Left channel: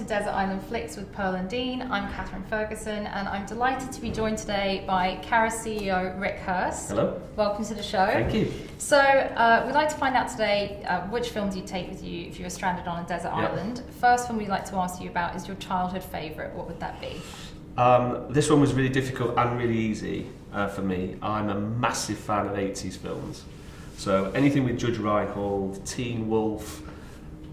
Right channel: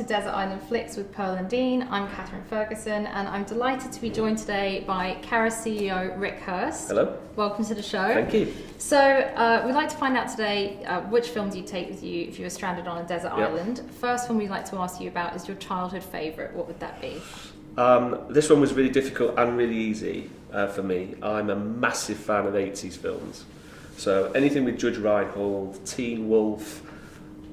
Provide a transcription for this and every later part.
to Desert Island Flicks with Pearl and Dean. I'm Catherine Ferguson, and I'm delighted to be joined today by Carat CEO Rick Hirst. Hello. Welcome to the show. Thank you. So, we'd like to find out today which films you'd take with you if you were stranded on a desert island. The first one we'd like to ask you about is your childhood favourite. What would that be? This one was really difficult and really easy for me. I'm a massive fan of 80s films. So anything with Judge Reinhold, Teen Wolf,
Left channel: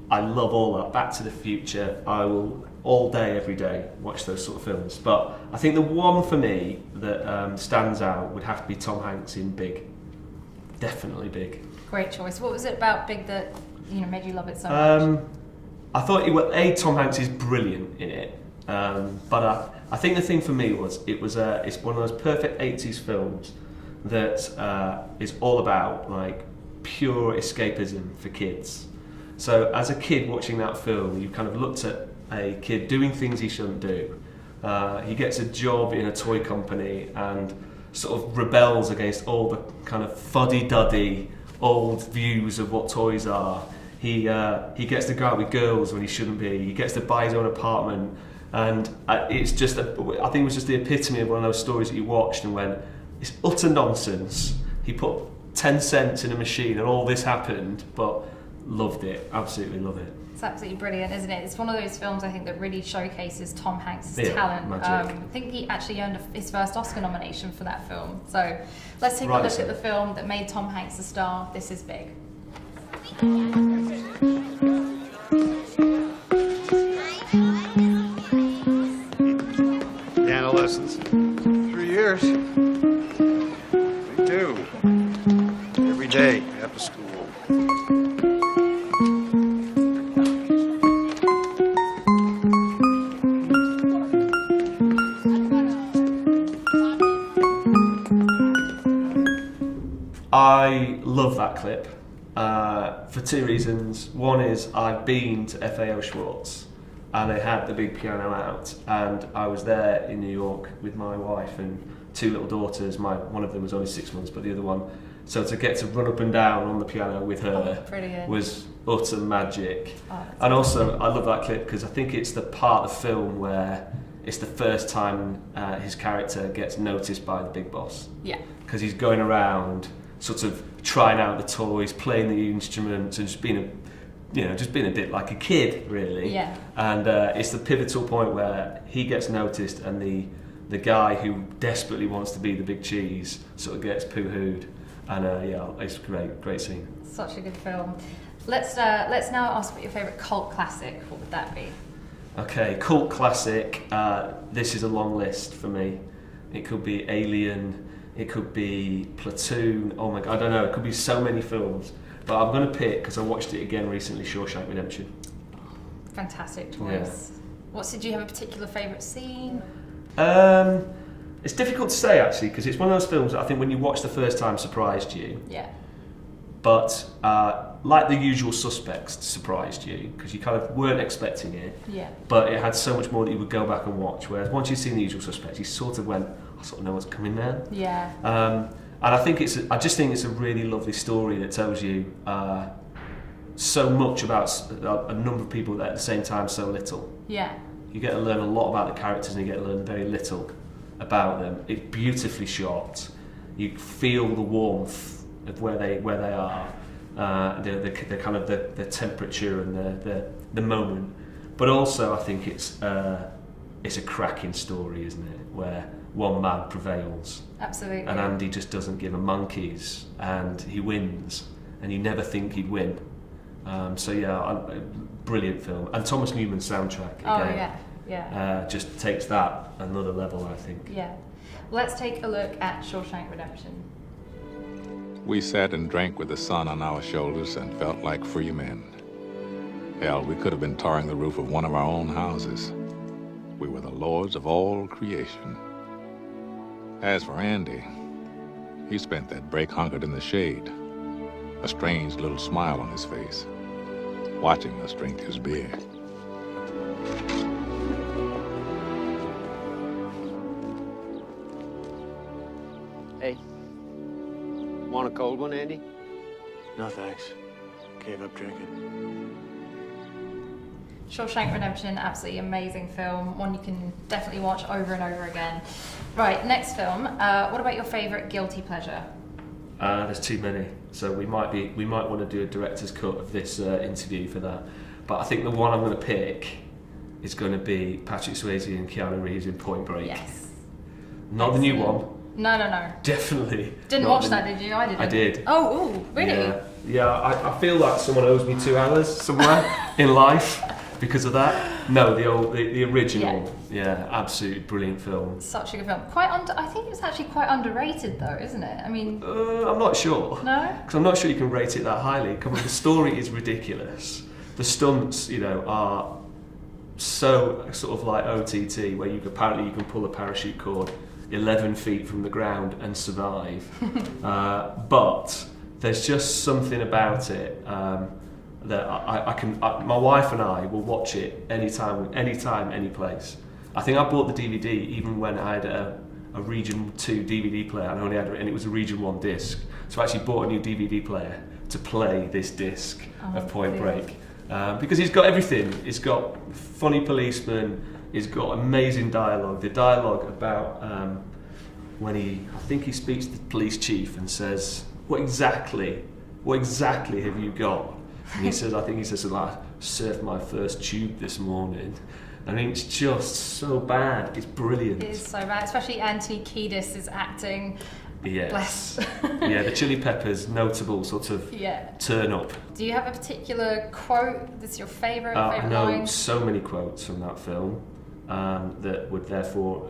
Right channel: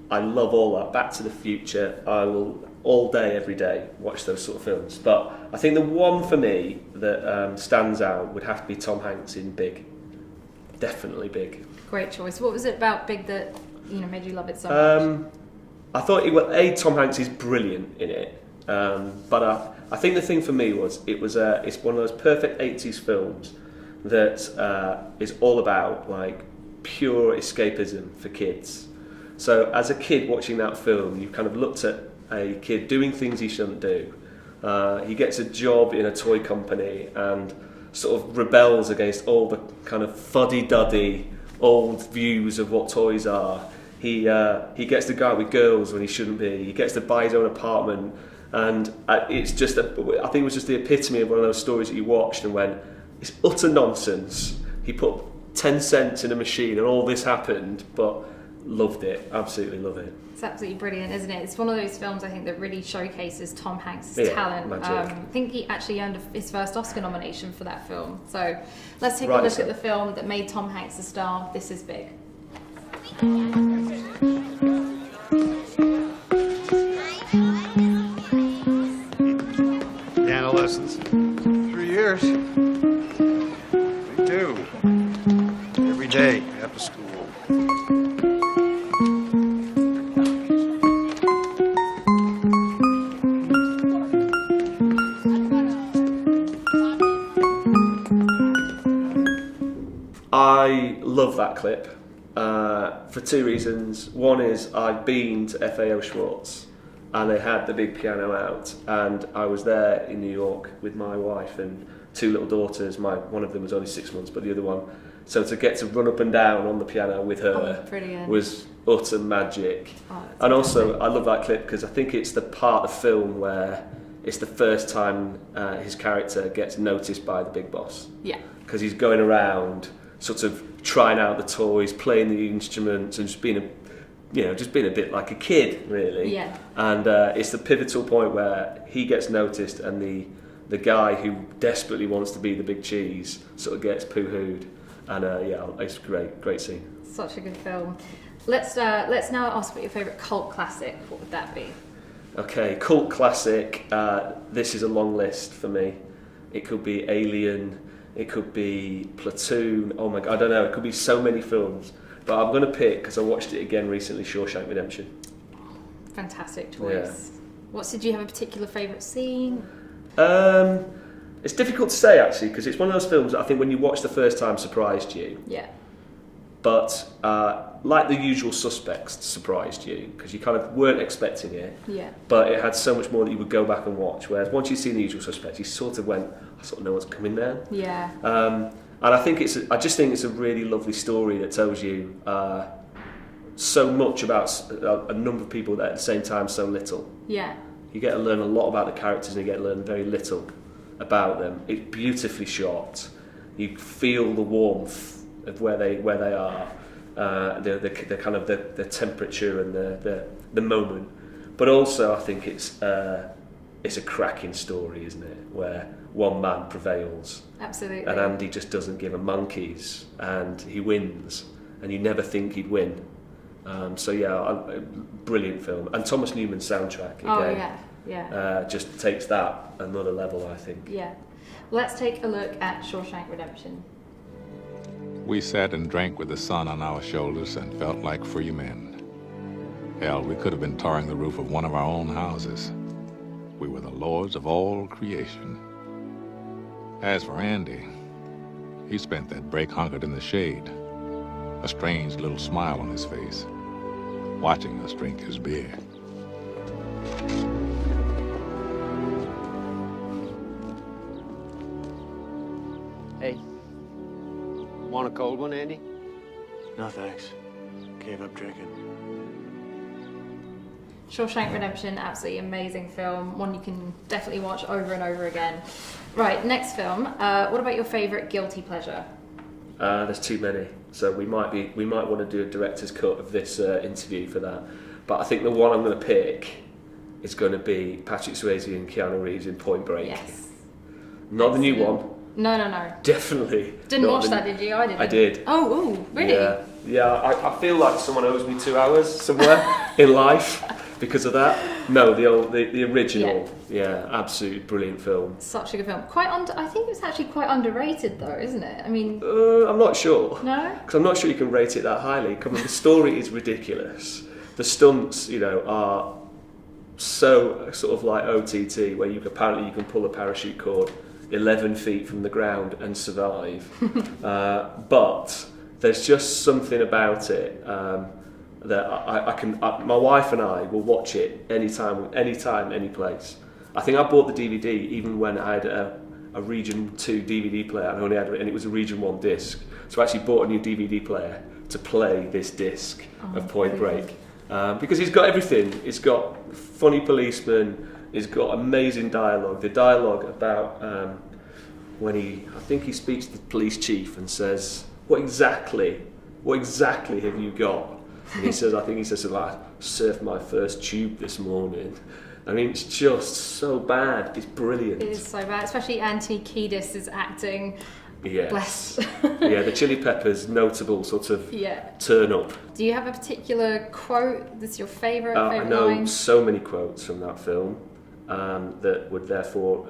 I love all that. Back to the Future, I will all day, every day watch those sort of films. But I think the one for me that stands out would have to be Tom Hanks in Big. Definitely Big. Great choice. What was it about Big that made you love it so much? I thought Tom Hanks is brilliant in it, but I think the thing for me was it's one of those perfect 80s films that is all about like pure escapism for kids. So as a kid watching that film, you kind of looked at a kid doing things he shouldn't do. He gets a job in a toy company and sort of rebels against all the kind of fuddy-duddy old views of what toys are. He gets to go out with girls when he shouldn't be. He gets to buy his own apartment. And it's just, I think it was just the epitome of one of those stories that you watched and went, it's utter nonsense. He put 10 cents in a machine and all this happened, but loved it, absolutely love it. It's absolutely brilliant, isn't it? It's one of those films I think that really showcases Tom Hanks' talent. Magic. I think he actually earned his first Oscar nomination for that film. So let's take a look at the film that made Tom Hanks a star. This is Big. Piano lessons? 3 years. We do. Every day after school. I love that clip for two reasons. One is I've been to FAO Schwartz and they had the big piano out, and I was there in New York with my wife and two little daughters. One of them was only 6 months, but the other one. So to get to run up and down on the piano with her was utter magic. And also, I love that clip because I think it's the part of the film where it's the first time his character gets noticed by the big boss. Yeah. Because he's going around sort of trying out the toys, playing the instruments, and just being a bit like a kid, really. Yeah. And it's the pivotal point where he gets noticed, and the guy who desperately wants to be the big cheese sort of gets poo-hooed, and it's great scene. Such a good film. Let's now ask what your favourite cult classic. What would that be? Okay, cult classic. This is a long list for me. It could be Alien. It could be Platoon. Oh my God, I don't know. It could be so many films. But I'm going to pick, because I watched it again recently, Shawshank Redemption. Fantastic choice. Yeah. Did you have a particular favourite scene? It's difficult to say, actually, because it's one of those films that I think when you watch the first time surprised you. Yeah. But like The Usual Suspects surprised you, because you kind of weren't expecting it. Yeah. But it had so much more that you would go back and watch, whereas once you've seen The Usual Suspects, you sort of went, I sort of know what's coming now. Yeah. And I just think it's a really lovely story that tells you so much about a number of people that at the same time so little. Yeah. You get to learn a lot about the characters and you get to learn very little about them. It's beautifully shot. You feel the warmth of where they are, the kind of the temperature and the moment. But also I think it's a cracking story, isn't it? Where one man prevails. Absolutely. And Andy just doesn't give a monkey's, and he wins, and you never think he'd win. Brilliant film. And Thomas Newman's soundtrack again just takes that another level, I think. Yeah. Let's take a look at Shawshank Redemption. We sat and drank with the sun on our shoulders and felt like free men. Hell, we could have been tarring the roof of one of our own houses. We were the lords of all creation. As for Andy, he spent that break hunkered in the shade, a strange little smile on his face, watching us drink his beer. Hey, want a cold one, Andy? No, thanks. Gave up drinking. Shawshank Redemption, absolutely amazing film. One you can definitely watch over and over again. Right, next film. What about your favourite guilty pleasure? There's too many, so we might want to do a director's cut of this interview for that. But I think the one I'm going to pick is going to be Patrick Swayze and Keanu Reeves in Point Break. Yes. Not the new one. No. Definitely. Didn't watch that, did you? I didn't. I did. Oh, really? Yeah. I feel like someone owes me 2 hours somewhere in life because of that. No, the original. Yeah, absolutely brilliant film. Such a good film. I think it's actually quite underrated, though, isn't it? I mean, I'm not sure. No. Because I'm not sure you can rate it that highly. Come on, the story is ridiculous. The stunts, are so sort of like OTT, where apparently you can pull a parachute cord 11 feet from the ground and survive. But there's just something about it that I can. My wife and I will watch it anytime, any place. I think I bought the DVD even when I had a Region 2 DVD player and it was a Region 1 disc. So I actually bought a new DVD player to play this disc of Point Break. Because he's got everything. He's got funny policemen. He's got amazing dialogue. The dialogue about when I think he speaks to the police chief and says, "What exactly have you got?" And he says, something like, "Surfed my first tube this morning." I mean, it's just so bad. It's brilliant. It is so bad, especially Anthony Kiedis is acting. Yes. Bless. Yeah, the Chili Peppers' notable sort of turn up. Do you have a particular quote that's your favourite? I know line? so many quotes from that film that would therefore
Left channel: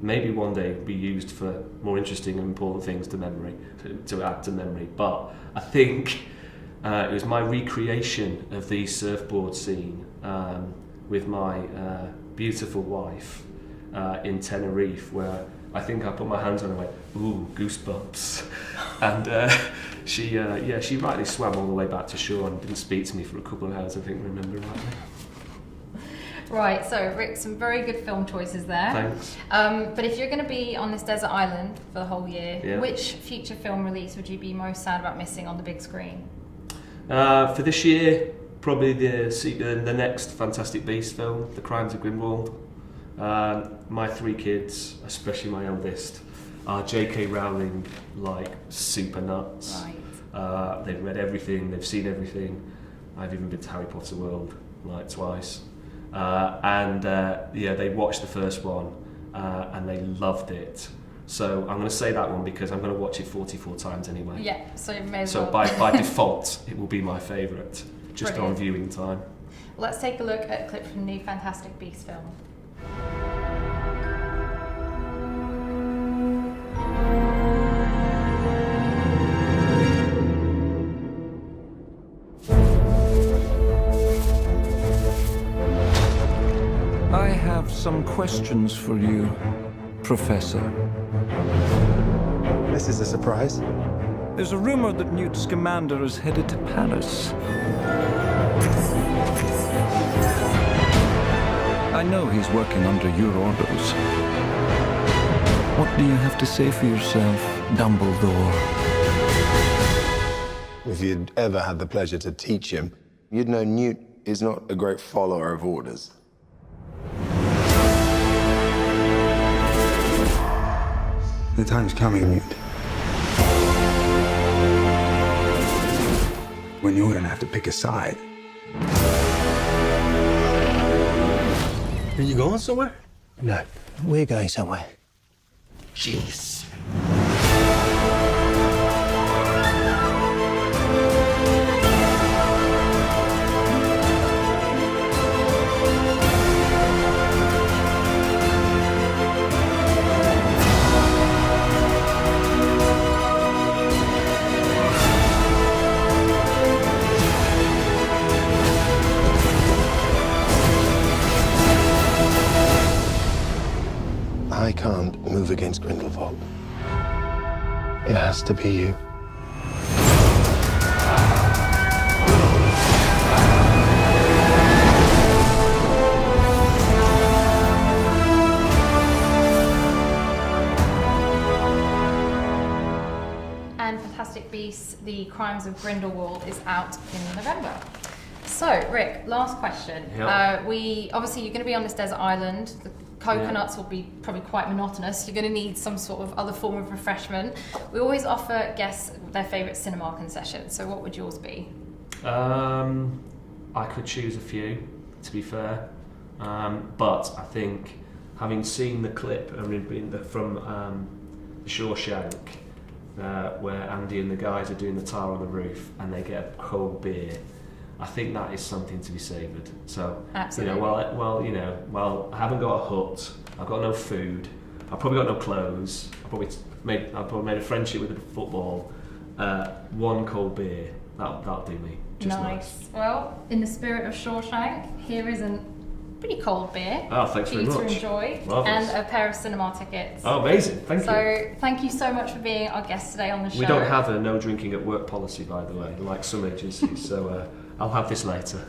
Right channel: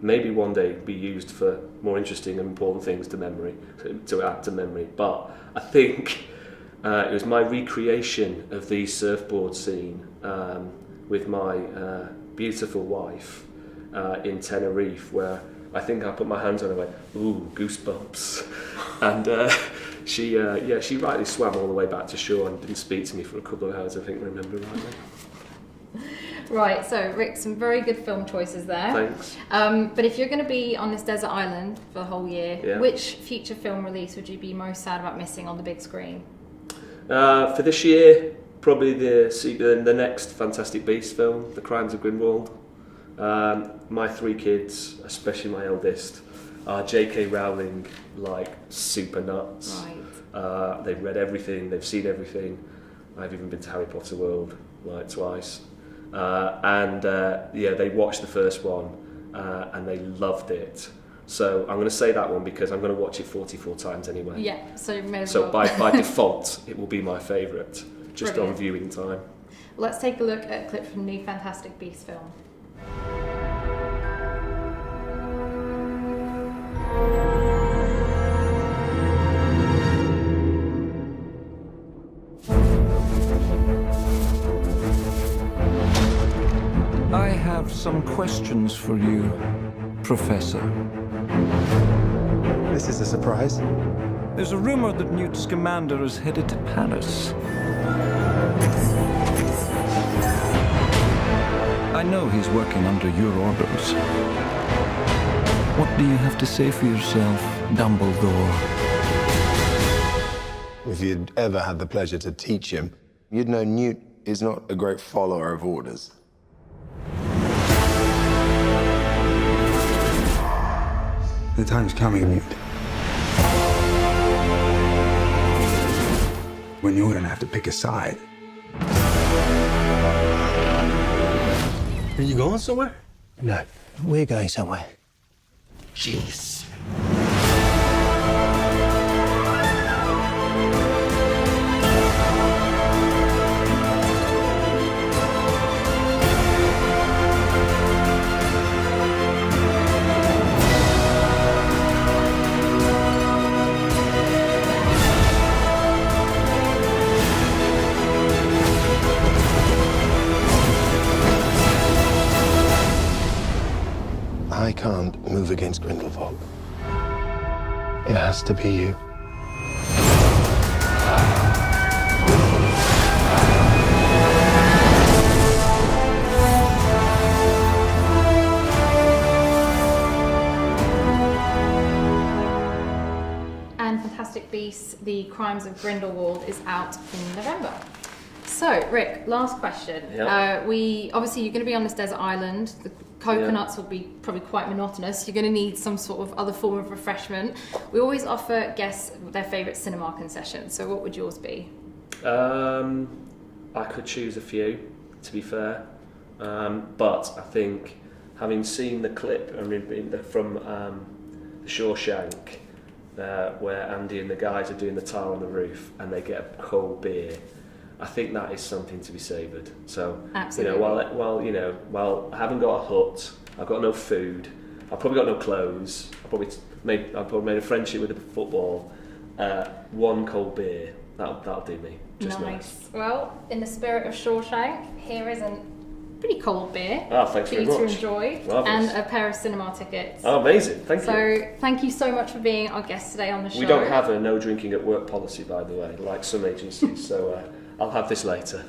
maybe one day be used for more interesting and important things to add to memory. But I think it was my recreation of the surfboard scene with my beautiful wife in Tenerife, where I think I put my hands on her and went, "Ooh, goosebumps." And she rightly swam all the way back to shore and didn't speak to me for a couple of hours, I think I remember rightly. Right, so Rick, some very good film choices there. Thanks. But if you're going to be on this desert island for the whole year, Yeah. which future film release would you be most sad about missing on the big screen? For this year, probably the next Fantastic Beasts film, The Crimes of Grindelwald. My 3 kids, especially my eldest, are J.K. Rowling like super nuts. Right. They've read everything, they've seen everything. I've even been to Harry Potter World like twice. They watched the first one and they loved it. So I'm going to say that one because I'm going to watch it 44 times anyway. Yeah, so you may as So well. by default, it will be my favourite, just Brilliant. on viewing time. Let's take a look at a clip from the Fantastic Beasts film. I have some questions for you, Professor. This is a surprise. There's a rumor that Newt Scamander is headed to Paris. I know he's working under your orders. What do you have to say for yourself, Dumbledore? If you'd ever had the pleasure to teach him, you'd know Newt is not a great follower of orders. The time's coming, Newt, when you're gonna have to pick a side. Are you going somewhere? No, we're going somewhere. Jeez. I can't move against Grindelwald. It has to be you. And Fantastic Beasts: The Crimes of Grindelwald is out in November. So, Rick, last question. Yep. We obviously you're going to be on this desert island. The coconuts will be probably quite monotonous. You're going to need some sort of other form of refreshment. We always offer guests their favourite Cinemark concession. So, what would yours be? I could choose a few, to be fair, but I think having seen the clip from the Shawshank, where Andy and the guys are doing the tar on the roof and they get a cold beer, I think that is something to be savoured. So, Absolutely. while I haven't got a hut, I've got no food, I've probably got no clothes, I've probably made a friendship with the football, one cold beer, that'll do me. Just nice. Well, in the spirit of Shawshank, here is a pretty cold beer Oh, thanks for very you much. to enjoy, Marvellous. and a pair of cinema tickets. Oh, amazing. Thank you. So, thank you so much for being our guest today on the show. We don't have a no drinking at work policy, by the way, like some agencies, so I'll have this later.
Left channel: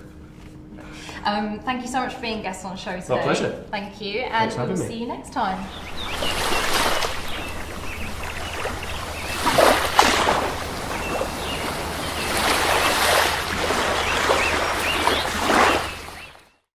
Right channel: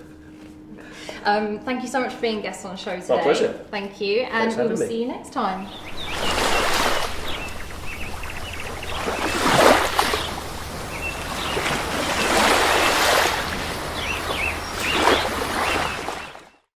Thank you so much for being guest on the show today. Oh, pleasure. Thank you, and Thanks for having we'll me. see you next time.